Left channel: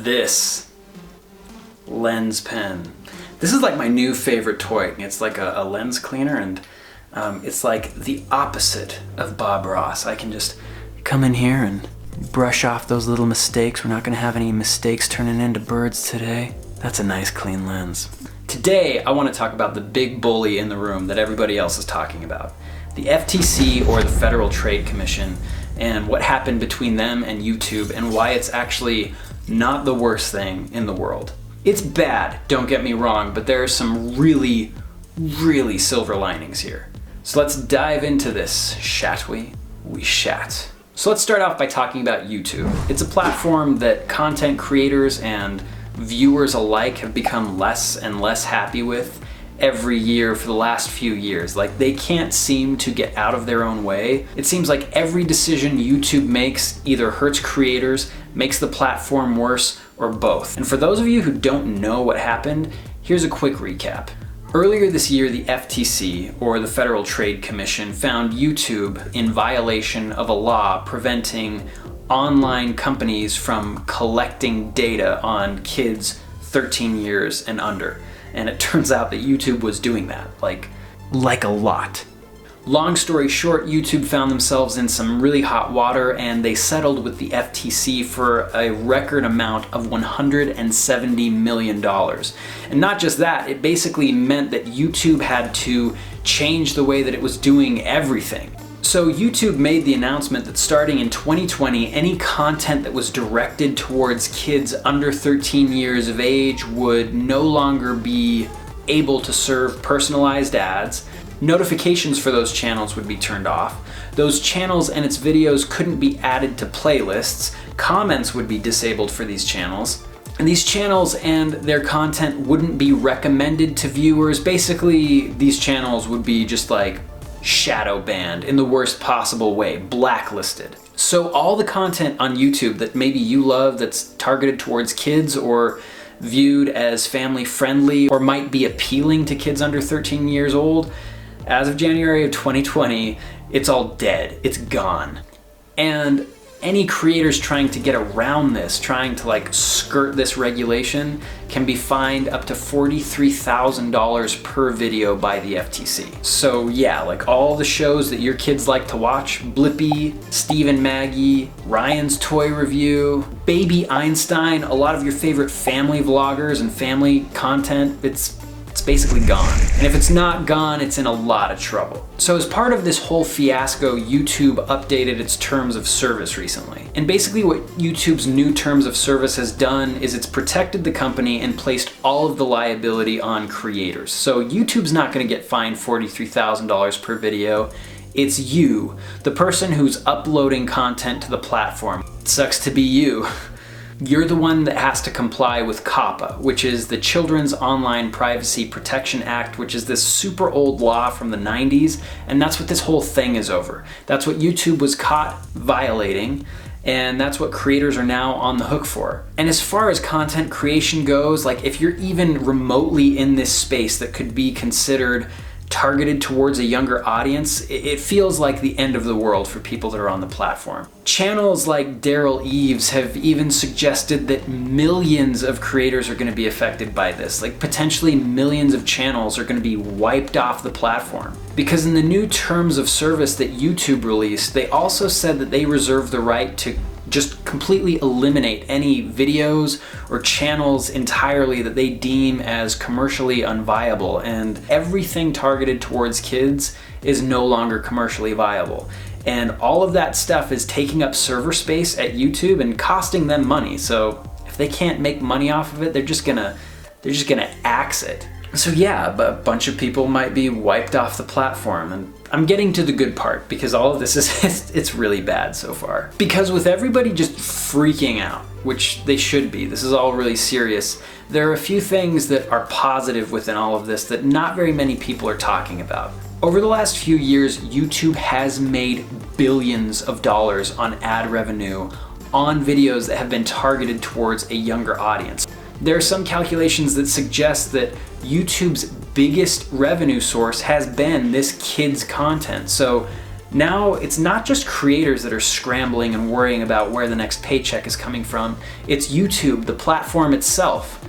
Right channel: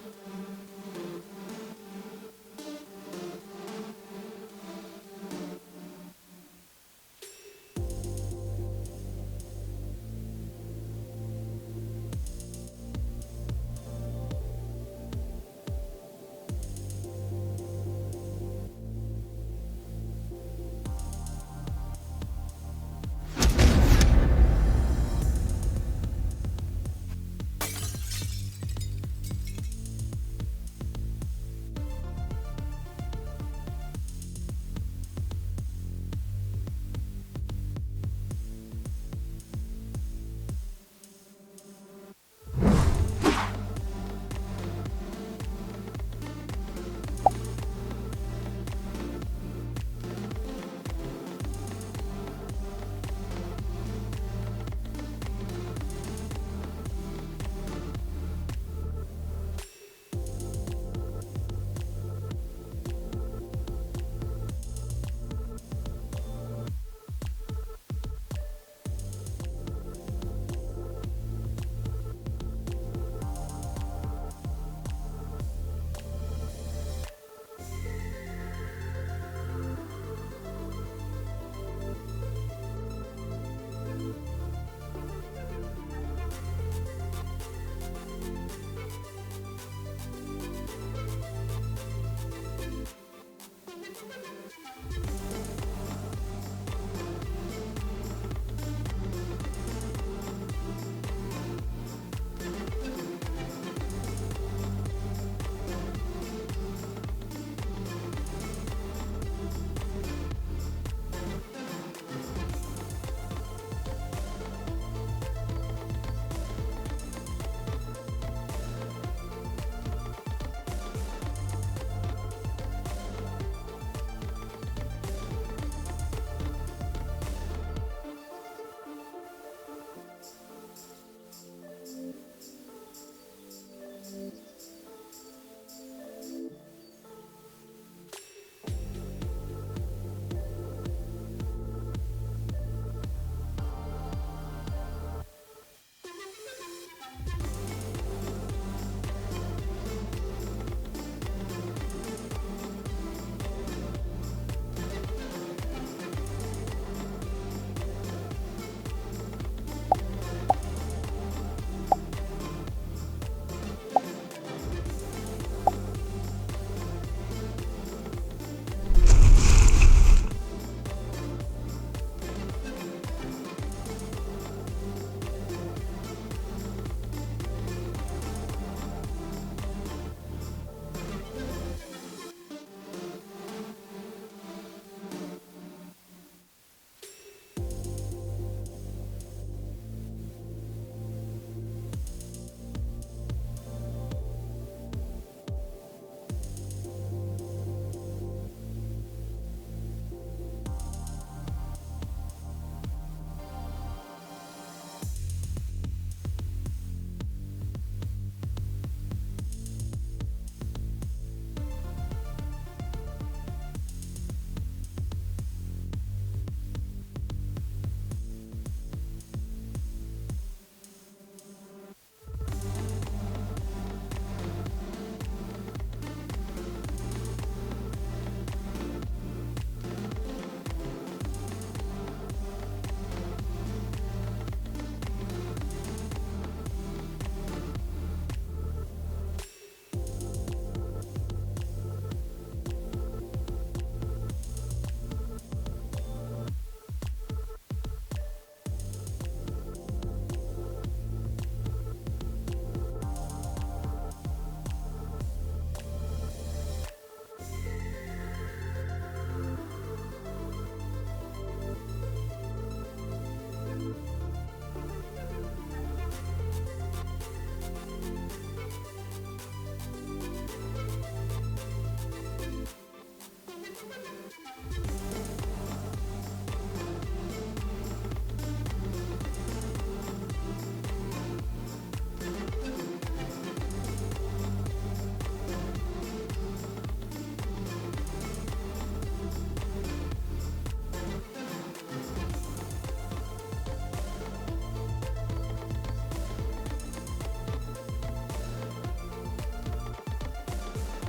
got this lens pen. This is like my new favorite toy. It's like a lens cleaner, and it's like the opposite of Bob Ross. I can just come in here and brush off those little mistakes. We're not gonna have any mistakes turning into birds today. That's a nice clean lens. Today, I want to talk about the big bully in the room that everybody else is talking about. The FTC, or the Federal Trade Commission, and what happened between them and YouTube, and why it's actually not the worst thing in the world. It's bad, don't get me wrong, but there are some really, really silver linings here. So let's dive into this, shat we? We shat. So let's start off by talking about YouTube. It's a platform that content creators and viewers alike have become less and less happy with every year for the last few years. Like, they can't seem to get out of their own way. It seems like every decision YouTube makes either hurts creators, makes the platform worse, or both. And for those of you who don't know what happened, here's a quick recap. Earlier this year, the FTC, or the Federal Trade Commission, found YouTube in violation of a law preventing online companies from collecting data on kids 13 years and under. And it turns out that YouTube was doing that, like a lot. Long story short, YouTube found themselves in some really hot water, and they settled with the FTC for a record amount of $170 million. And not just that, it basically meant that YouTube had to change the way that it was doing everything. So YouTube made the announcement that starting in 2020, any content that was directed towards kids under 13 years of age would no longer be able to serve personalized ads. Notifications for those channels would be turned off. Those channels and its videos couldn't be added to playlists. Comments would be disabled for these channels. And these channels and their content wouldn't be recommended to viewers. Basically, these channels would be just like shadow banned in the worst possible way, blacklisted. So all the content on YouTube that maybe you love that's targeted towards kids or viewed as family friendly or might be appealing to kids under 13 years old, as of January of 2020, it's all dead, it's gone. And any creators trying to get around this, trying to like skirt this regulation, can be fined up to $43,000 per video by the FTC. So yeah, like all the shows that your kids like to watch, Blippi, Steve and Maggie, Ryan's Toy Review, Baby Einstein, a lot of your favorite family vloggers and family content, it's basically gone. And if it's not gone, it's in a lot of trouble. So as part of this whole fiasco, YouTube updated its terms of service recently. And basically what YouTube's new terms of service has done is it's protected the company and placed all of the liability on creators. So YouTube's not gonna get fined $43,000 per video. It's you, the person who's uploading content to the platform. It sucks to be you. You're the one that has to comply with COPPA, which is the Children's Online Privacy Protection Act, which is this super old law from the 90s, and that's what this whole thing is over. That's what YouTube was caught violating, and that's what creators are now on the hook for. And as far as content creation goes, like if you're even remotely in this space that could be considered targeted towards a younger audience, it feels like the end of the world for people that are on the platform. Channels like Daryl Eves have even suggested that millions of creators are going to be affected by this. Like potentially millions of channels are going to be wiped off the platform. Because in the new terms of service that YouTube released, they also said that they reserve the right to just completely eliminate any videos or channels entirely that they deem as commercially unviable, and everything targeted towards kids is no longer commercially viable. And all of that stuff is taking up server space at YouTube and costing them money. So if they can't make money off of it, they're just gonna axe it. So yeah, but a bunch of people might be wiped off the platform, and I'm getting to the good part because all of this is, it's really bad so far. Because with everybody just freaking out, which they should be, this is all really serious, there are a few things that are positive within all of this that not very many people are talking about. Over the last few years, YouTube has made billions of dollars on ad revenue on videos that have been targeted towards a younger audience. There are some calculations that suggest that YouTube's biggest revenue source has been this kids content. So Now it's not just creators that are scrambling and worrying about where the next paycheck is coming from, it's YouTube, the platform itself.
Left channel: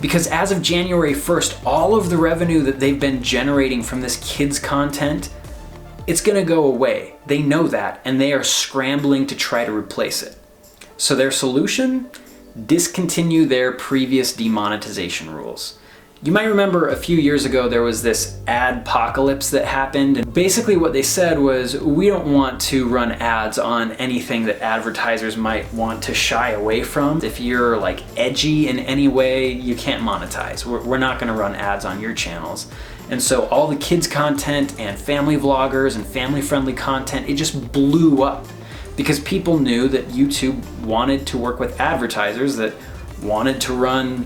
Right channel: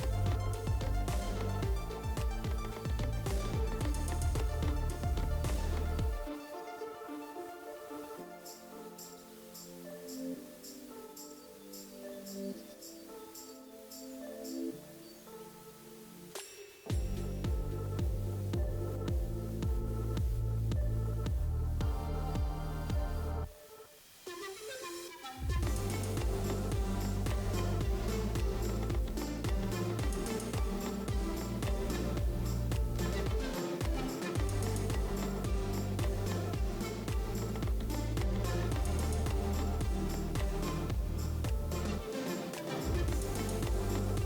Because as of January 1st, all of the revenue that they've been generating from this kids content, it's gonna go away. They know that, and they are scrambling to try to replace it. So their solution? Discontinue their previous demonetization rules. You might remember a few years ago there was this adpocalypse that happened, and basically what they said was, we don't want to run ads on anything that advertisers might want to shy away from. If you're like edgy in any way, you can't monetize. We're not gonna run ads on your channels. And so all the kids content and family vloggers and family-friendly content, it just blew up because people knew that YouTube wanted to work with advertisers that wanted to run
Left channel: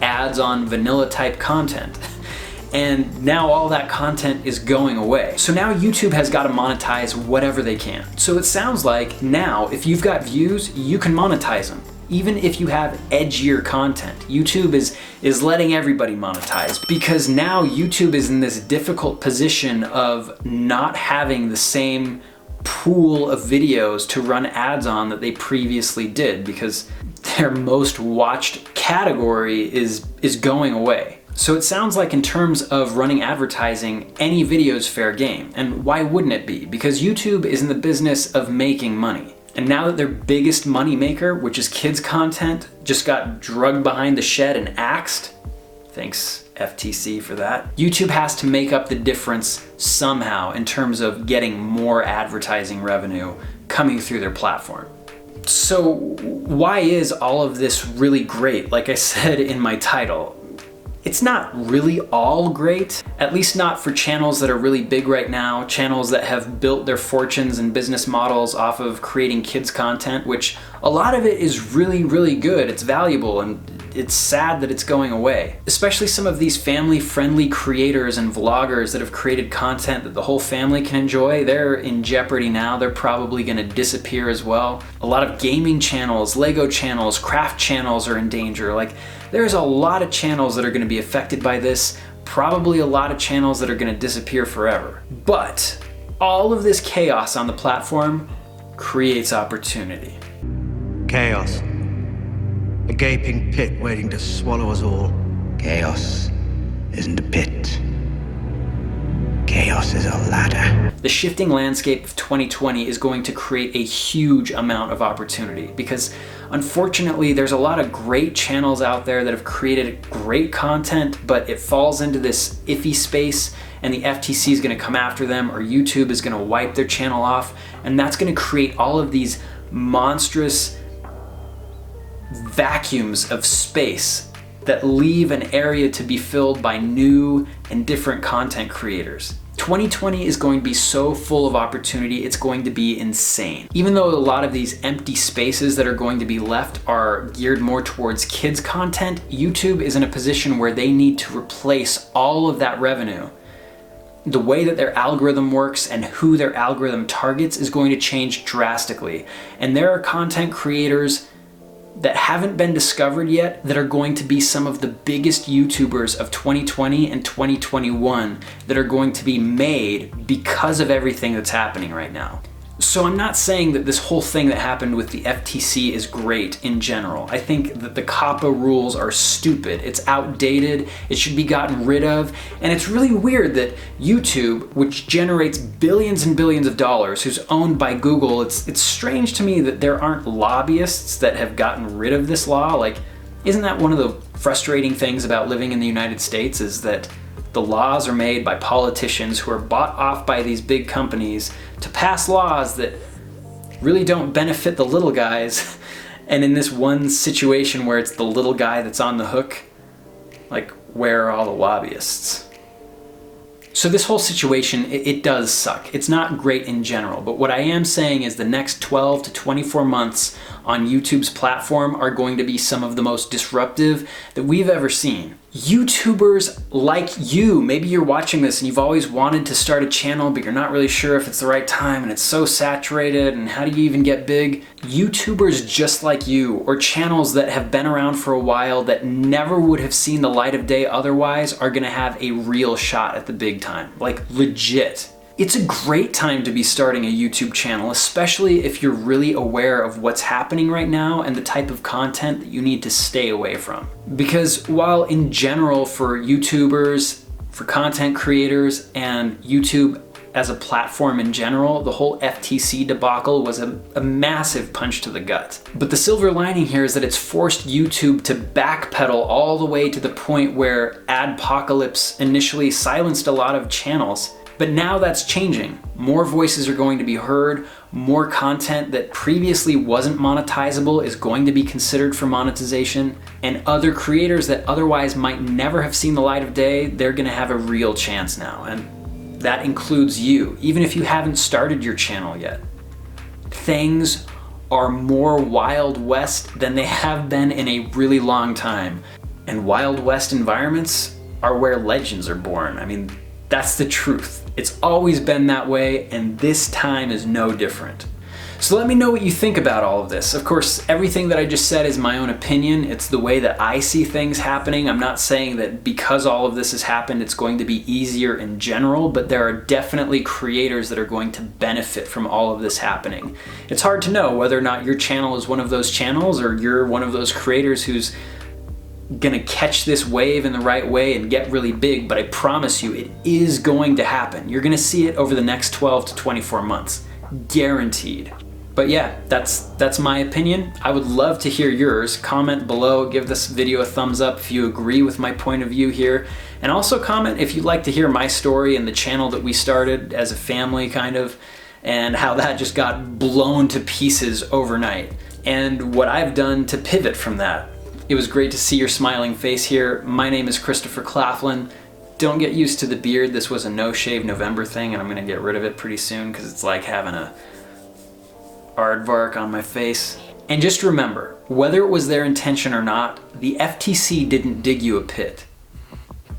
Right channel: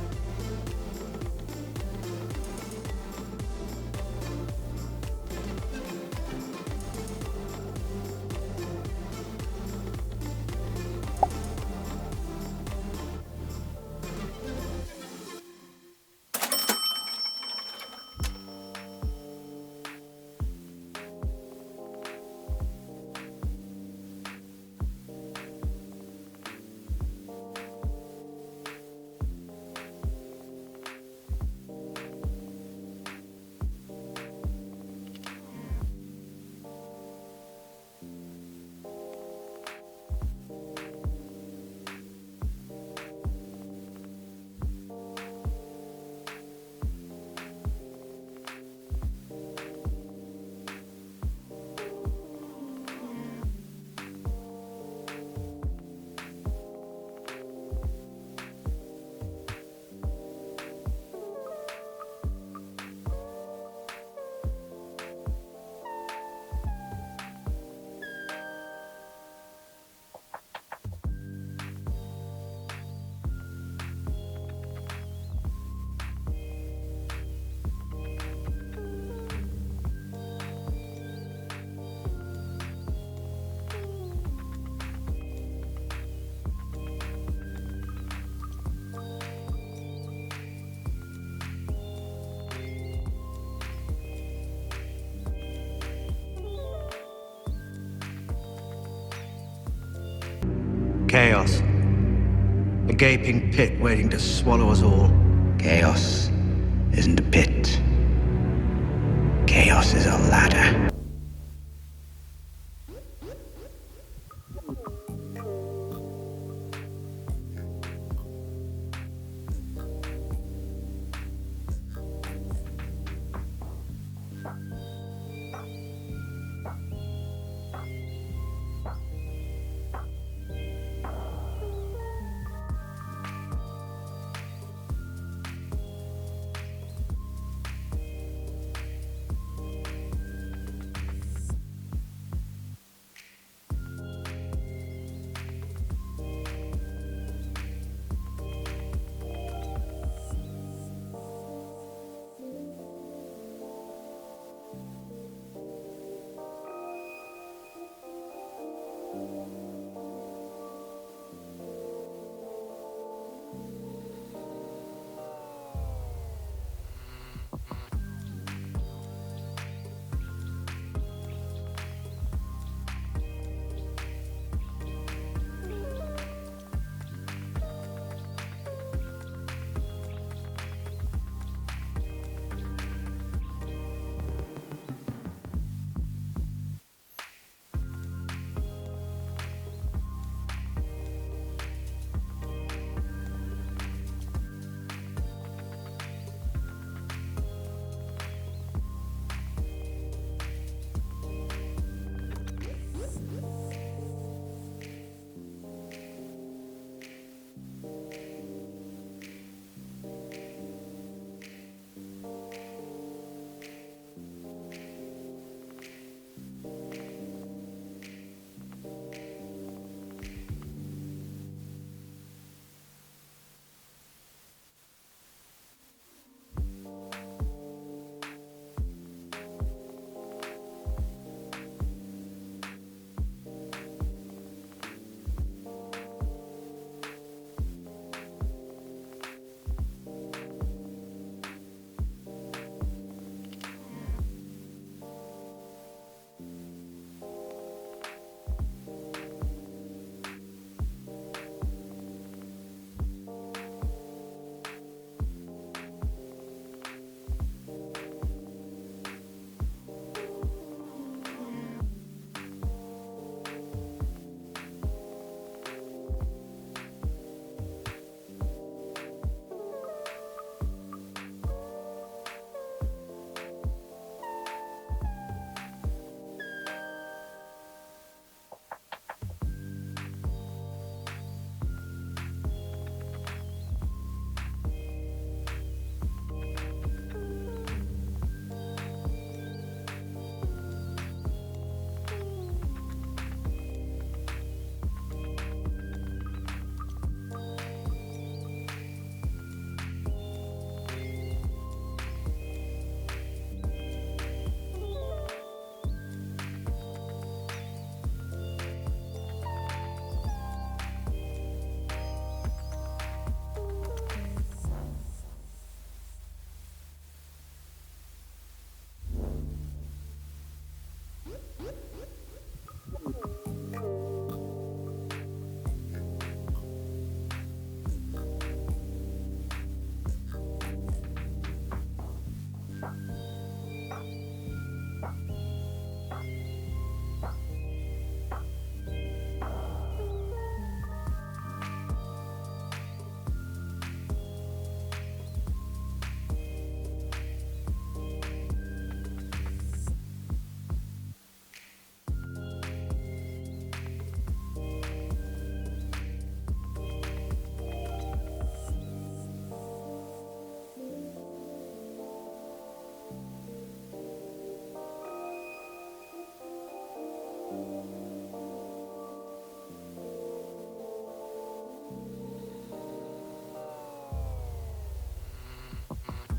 ads on vanilla type content. And now all that content is going away. So now YouTube has got to monetize whatever they can. So it sounds like now if you've got views, you can monetize them. Even if you have edgier content. YouTube is letting everybody monetize because now YouTube is in this difficult position of not having the same pool of videos to run ads on that they previously did because their most watched category is going away. So it sounds like in terms of running advertising, any video is fair game. And why wouldn't it be? Because YouTube is in the business of making money. And now that their biggest money maker, which is kids content, just got drugged behind the shed and axed, thanks FTC for that, YouTube has to make up the difference somehow in terms of getting more advertising revenue coming through their platform. So why is all of this really great? Like I said in my title, it's not really all great, at least not for channels that are really big right now, channels that have built their fortunes and business models off of creating kids content, which a lot of it is really, really good. It's valuable and it's sad that it's going away. Especially some of these family-friendly creators and vloggers that have created content that the whole family can enjoy, they're in jeopardy now. They're probably gonna disappear as well. A lot of gaming channels, Lego channels, craft channels are in danger. Like, there's a lot of channels that are gonna be affected by this, probably a lot of channels that are gonna disappear forever. But all of this chaos on the platform creates opportunity. Chaos. A gaping pit waiting to swallow us all. Chaos isn't a pit. Chaos is a ladder. The shifting landscape of 2020 is going to create a huge amount of opportunity because unfortunately there's a lot of great channels out there that have created great content, but it falls into this iffy space and the FTC is going to come after them or YouTube is going to wipe their channel off, and that's going to create all of these monstrous vacuums of space that leave an area to be filled by new and different content creators. 2020 is going to be so full of opportunity, it's going to be insane. Even though a lot of these empty spaces that are going to be left are geared more towards kids content, YouTube is in a position where they need to replace all of that revenue. The way that their algorithm works and who their algorithm targets is going to change drastically. And there are content creators that haven't been discovered yet that are going to be some of the biggest YouTubers of 2020 and 2021 that are going to be made because of everything that's happening right now. So I'm not saying that this whole thing that happened with the FTC is great in general. I think that the COPPA rules are stupid. It's outdated, it should be gotten rid of, and it's really weird that YouTube, which generates billions and billions of dollars, who's owned by Google, it's strange to me that there aren't lobbyists that have gotten rid of this law. Like, isn't that one of the frustrating things about living in the United States is that the laws are made by politicians who are bought off by these big companies to pass laws that really don't benefit the little guys. And in this one situation where it's the little guy that's on the hook, like, where are all the lobbyists? So this whole situation, it does suck. It's not great in general, but what I am saying is the next 12 to 24 months on YouTube's platform are going to be some of the most disruptive that we've ever seen. YouTubers like you, maybe you're watching this and you've always wanted to start a channel, but you're not really sure if it's the right time and it's so saturated and how do you even get big? YouTubers just like you, or channels that have been around for a while that never would have seen the light of day otherwise, are gonna have a real shot at the big time, like legit. It's a great time to be starting a YouTube channel, especially if you're really aware of what's happening right now and the type of content that you need to stay away from. Because while in general for YouTubers, for content creators, and YouTube as a platform in general, the whole FTC debacle was a massive punch to the gut. But the silver lining here is that it's forced YouTube to backpedal all the way to the point where adpocalypse initially silenced a lot of channels. But now that's changing. More voices are going to be heard, more content that previously wasn't monetizable is going to be considered for monetization, and other creators that otherwise might never have seen the light of day, they're gonna have a real chance now. And that includes you, even if you haven't started your channel yet. Things are more Wild West than they have been in a really long time. And Wild West environments are where legends are born. I mean, that's the truth. It's always been that way, and this time is no different. So let me know what you think about all of this. Of course, everything that I just said is my own opinion. It's the way that I see things happening. I'm not saying that because all of this has happened, it's going to be easier in general, but there are definitely creators that are going to benefit from all of this happening. It's hard to know whether or not your channel is one of those channels or you're one of those creators who's gonna catch this wave in the right way and get really big, but I promise you it is going to happen. You're gonna see it over the next 12 to 24 months, guaranteed. But yeah, that's my opinion. I would love to hear yours. Comment below, give this video a thumbs up if you agree with my point of view here, and also comment if you'd like to hear my story and the channel that we started as a family kind of, and how that just got blown to pieces overnight, and what I've done to pivot from that. It was great to see your smiling face here. My name is Christopher Claflin. Don't get used to the beard. This was a no-shave November thing, and I'm gonna get rid of it pretty soon because it's like having a aardvark on my face. And just remember, whether it was their intention or not, the FTC didn't dig you a pit.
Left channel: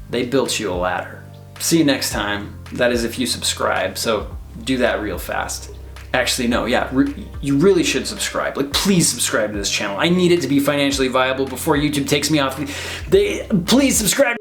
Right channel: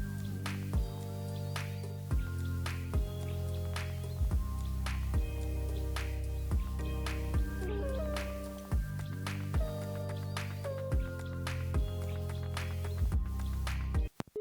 They built you a ladder. See you next time. That is if you subscribe, so do that real fast. Actually, no, yeah, you really should subscribe. Like, please subscribe to this channel. I need it to be financially viable before YouTube takes me off. Please subscribe.